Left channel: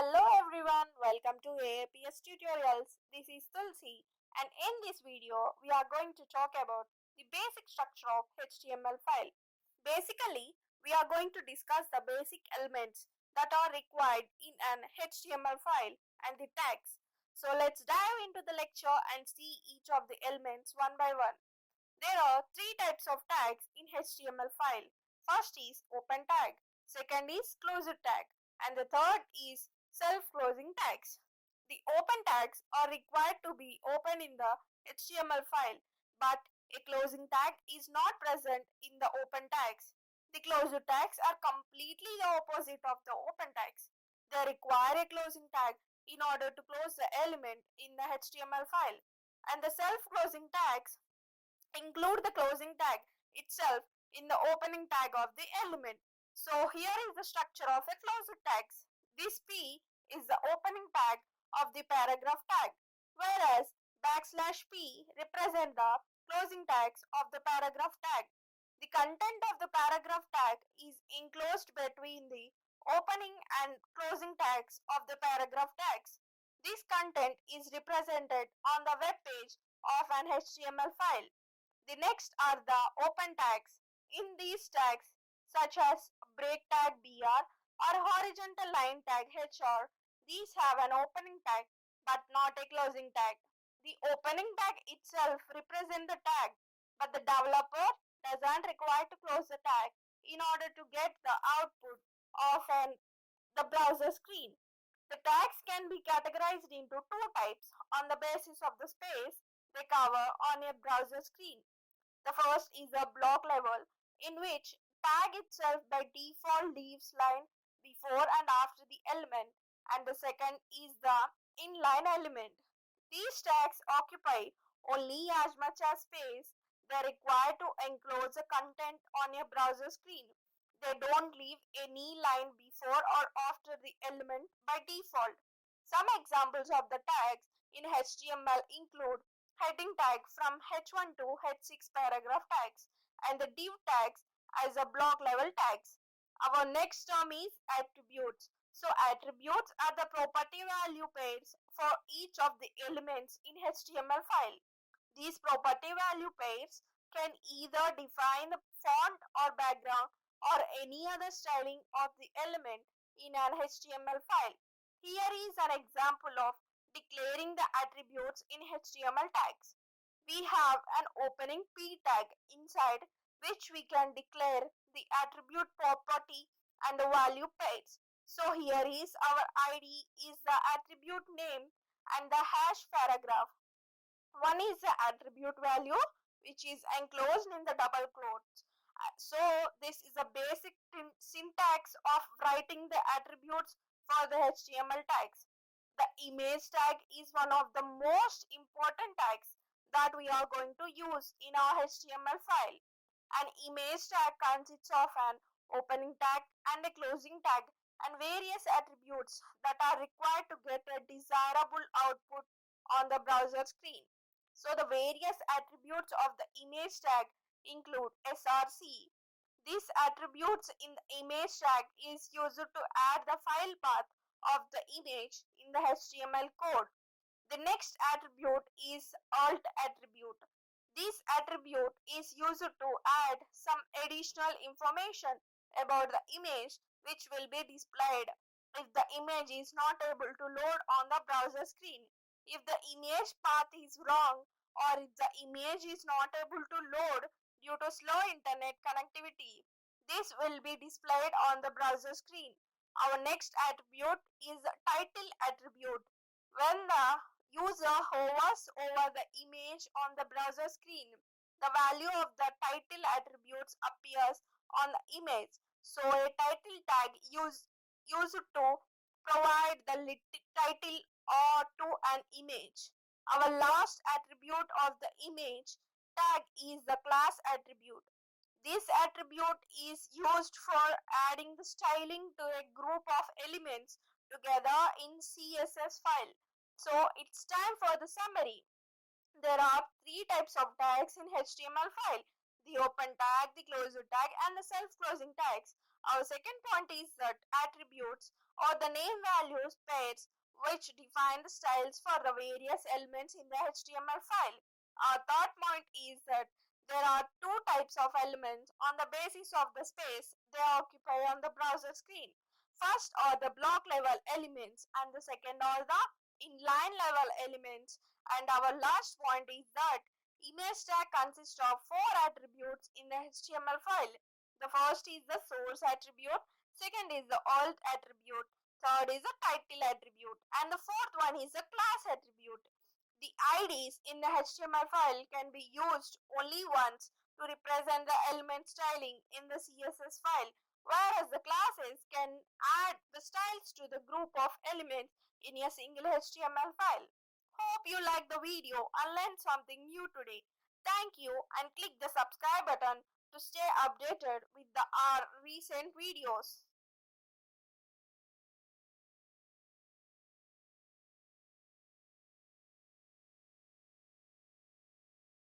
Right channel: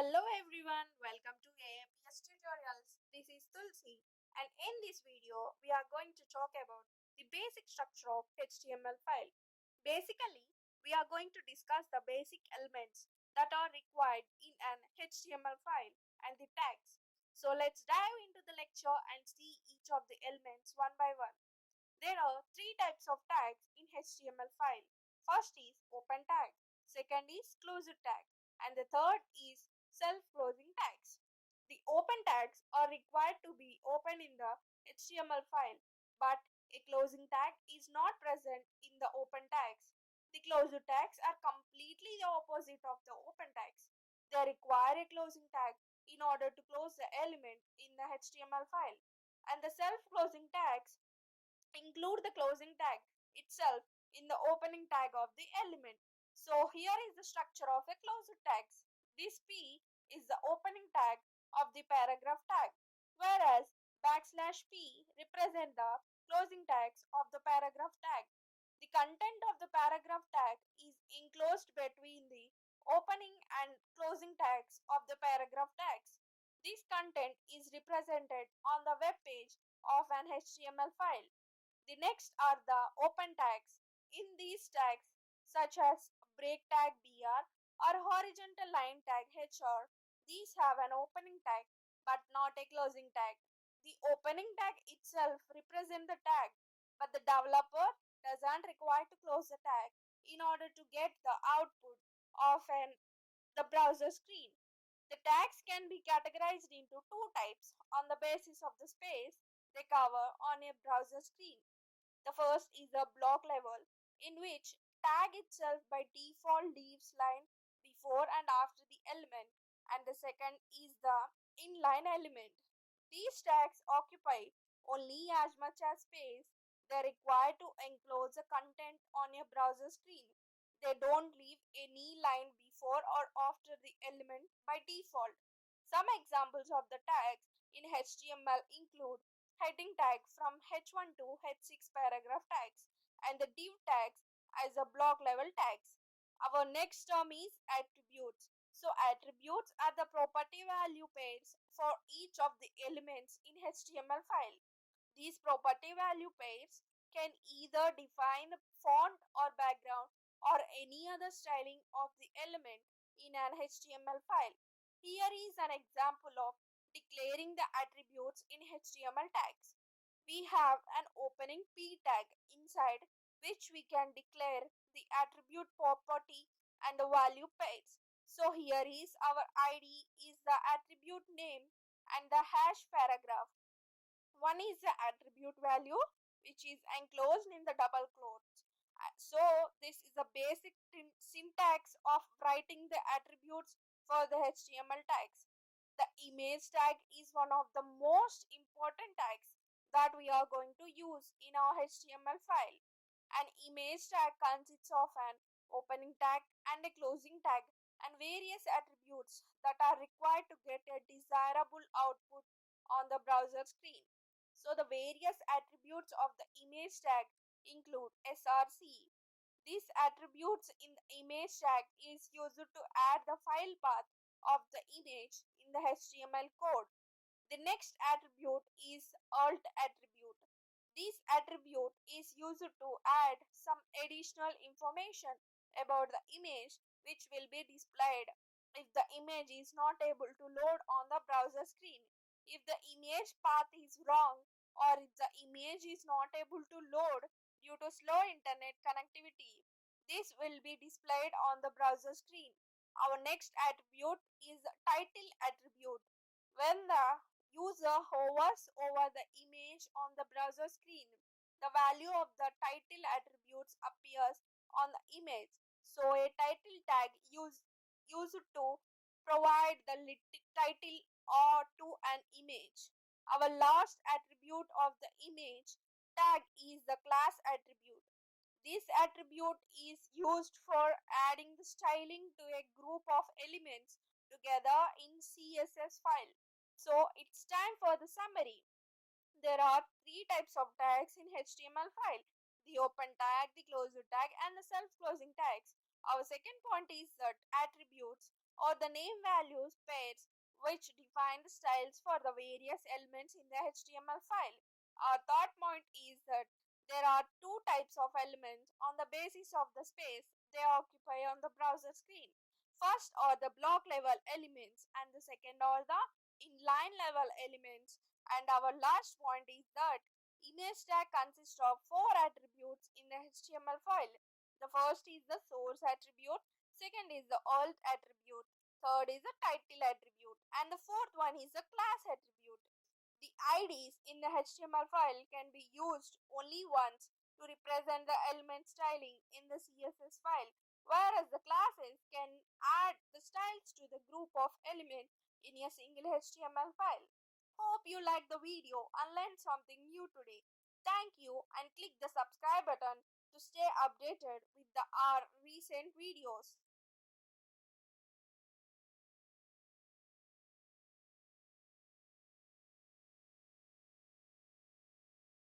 Hello everyone, welcome to AAPS tutorials. This is Tulsi, and in this video we are going to talk about the basic structure of HTML file. Basically, we are going to discuss the basic elements that are required in an HTML file and the tags. So let's dive into the lecture and see each of the elements one by one. There are three types of tags in HTML file. First is open tag, second is closed tag, and the third is self-closing tags. The open tags are required to be open in the HTML file, but a closing tag is not present in the open tags. The closed tags are completely the opposite of the open tags. They require a closing tag in order to close the element in the HTML file, and the self-closing tags include the closing tag itself in the opening tag of the element. So here is the structure of a closed tags. This P is the opening tag of the paragraph tag, whereas \p represent the closing tags of the paragraph tag. The content of the paragraph tag is enclosed between the opening and closing tags of the paragraph tags. This content is represented on the web page of an HTML file. The next are the open tags. In these tags, such as break tag BR or horizontal line tag HR, these have an opening tag but not a closing tag. The opening tag itself represents the tag, but the developer doesn't require to close the tag in order to get the output of the browser screen. The tags can be categorized into two types on the basis of the space they cover on a browser screen. The first is the block level, in which tag itself by default leaves line before and after the element, and the second is the inline element. These tags occupy only as much as space they require to enclose the content on a browser screen. They don't leave any line before or after the element by default. Some examples of the tags in HTML include heading tag from H1 to H6 paragraph tags and the div tags as a block level tags. Our next term is attributes. So attributes are the property value pairs for each of the elements in HTML file. These property value pairs can either define the font or background or any other styling of the element in an HTML file. Here is an example of declaring the attributes in HTML tags. We have an opening P tag inside which we can declare the attribute property and the value pairs. So here is our ID is the attribute name and the hash paragraph. One is the attribute value which is enclosed in the double quotes. So this is a basic syntax of writing the attributes for the HTML tags. The image tag is one of the most important tags that we are going to use in our HTML file. An image tag consists of an opening tag and a closing tag and various attributes that are required to get a desirable output on the browser screen. So the various attributes of the image tag include src. These attributes in the image tag is used to add the file path of the image in the HTML code. The next attribute is alt attribute. This attribute is used to add some additional information about the image which will be displayed if the image is not able to load on the browser screen. If the image path is wrong or if the image is not able to load due to slow internet connectivity, this will be displayed on the browser screen. Our next attribute is the title attribute. When the user hovers over the image on the browser screen, the value of the title attributes appears on the image. So a title tag used to provide the title or to an image. Our last attribute of the image tag is the class attribute. This attribute is used for adding the styling to a group of elements together in CSS file. So it's time for the summary. There are three types of tags in HTML file: the open tag, the closed tag, and the self-closing tags. Our second point is that attributes or the name values pairs which define the styles for the various elements in the HTML file. Our third point is that there are two types of elements on the basis of the space they occupy on the browser screen. First are the block level elements and the second are the inline level elements. And our last point is that image tag consists of four attributes in the HTML file. The first is the source attribute, second is the alt attribute, third is the title attribute, and the fourth one is the class attribute. The IDs in the HTML file can be used only once to represent the element styling in the CSS file, whereas the classes can add the styles to the group of elements in a single HTML file. Hope you liked the video and learned something new today. Thank you and click the subscribe button to stay updated with our recent videos.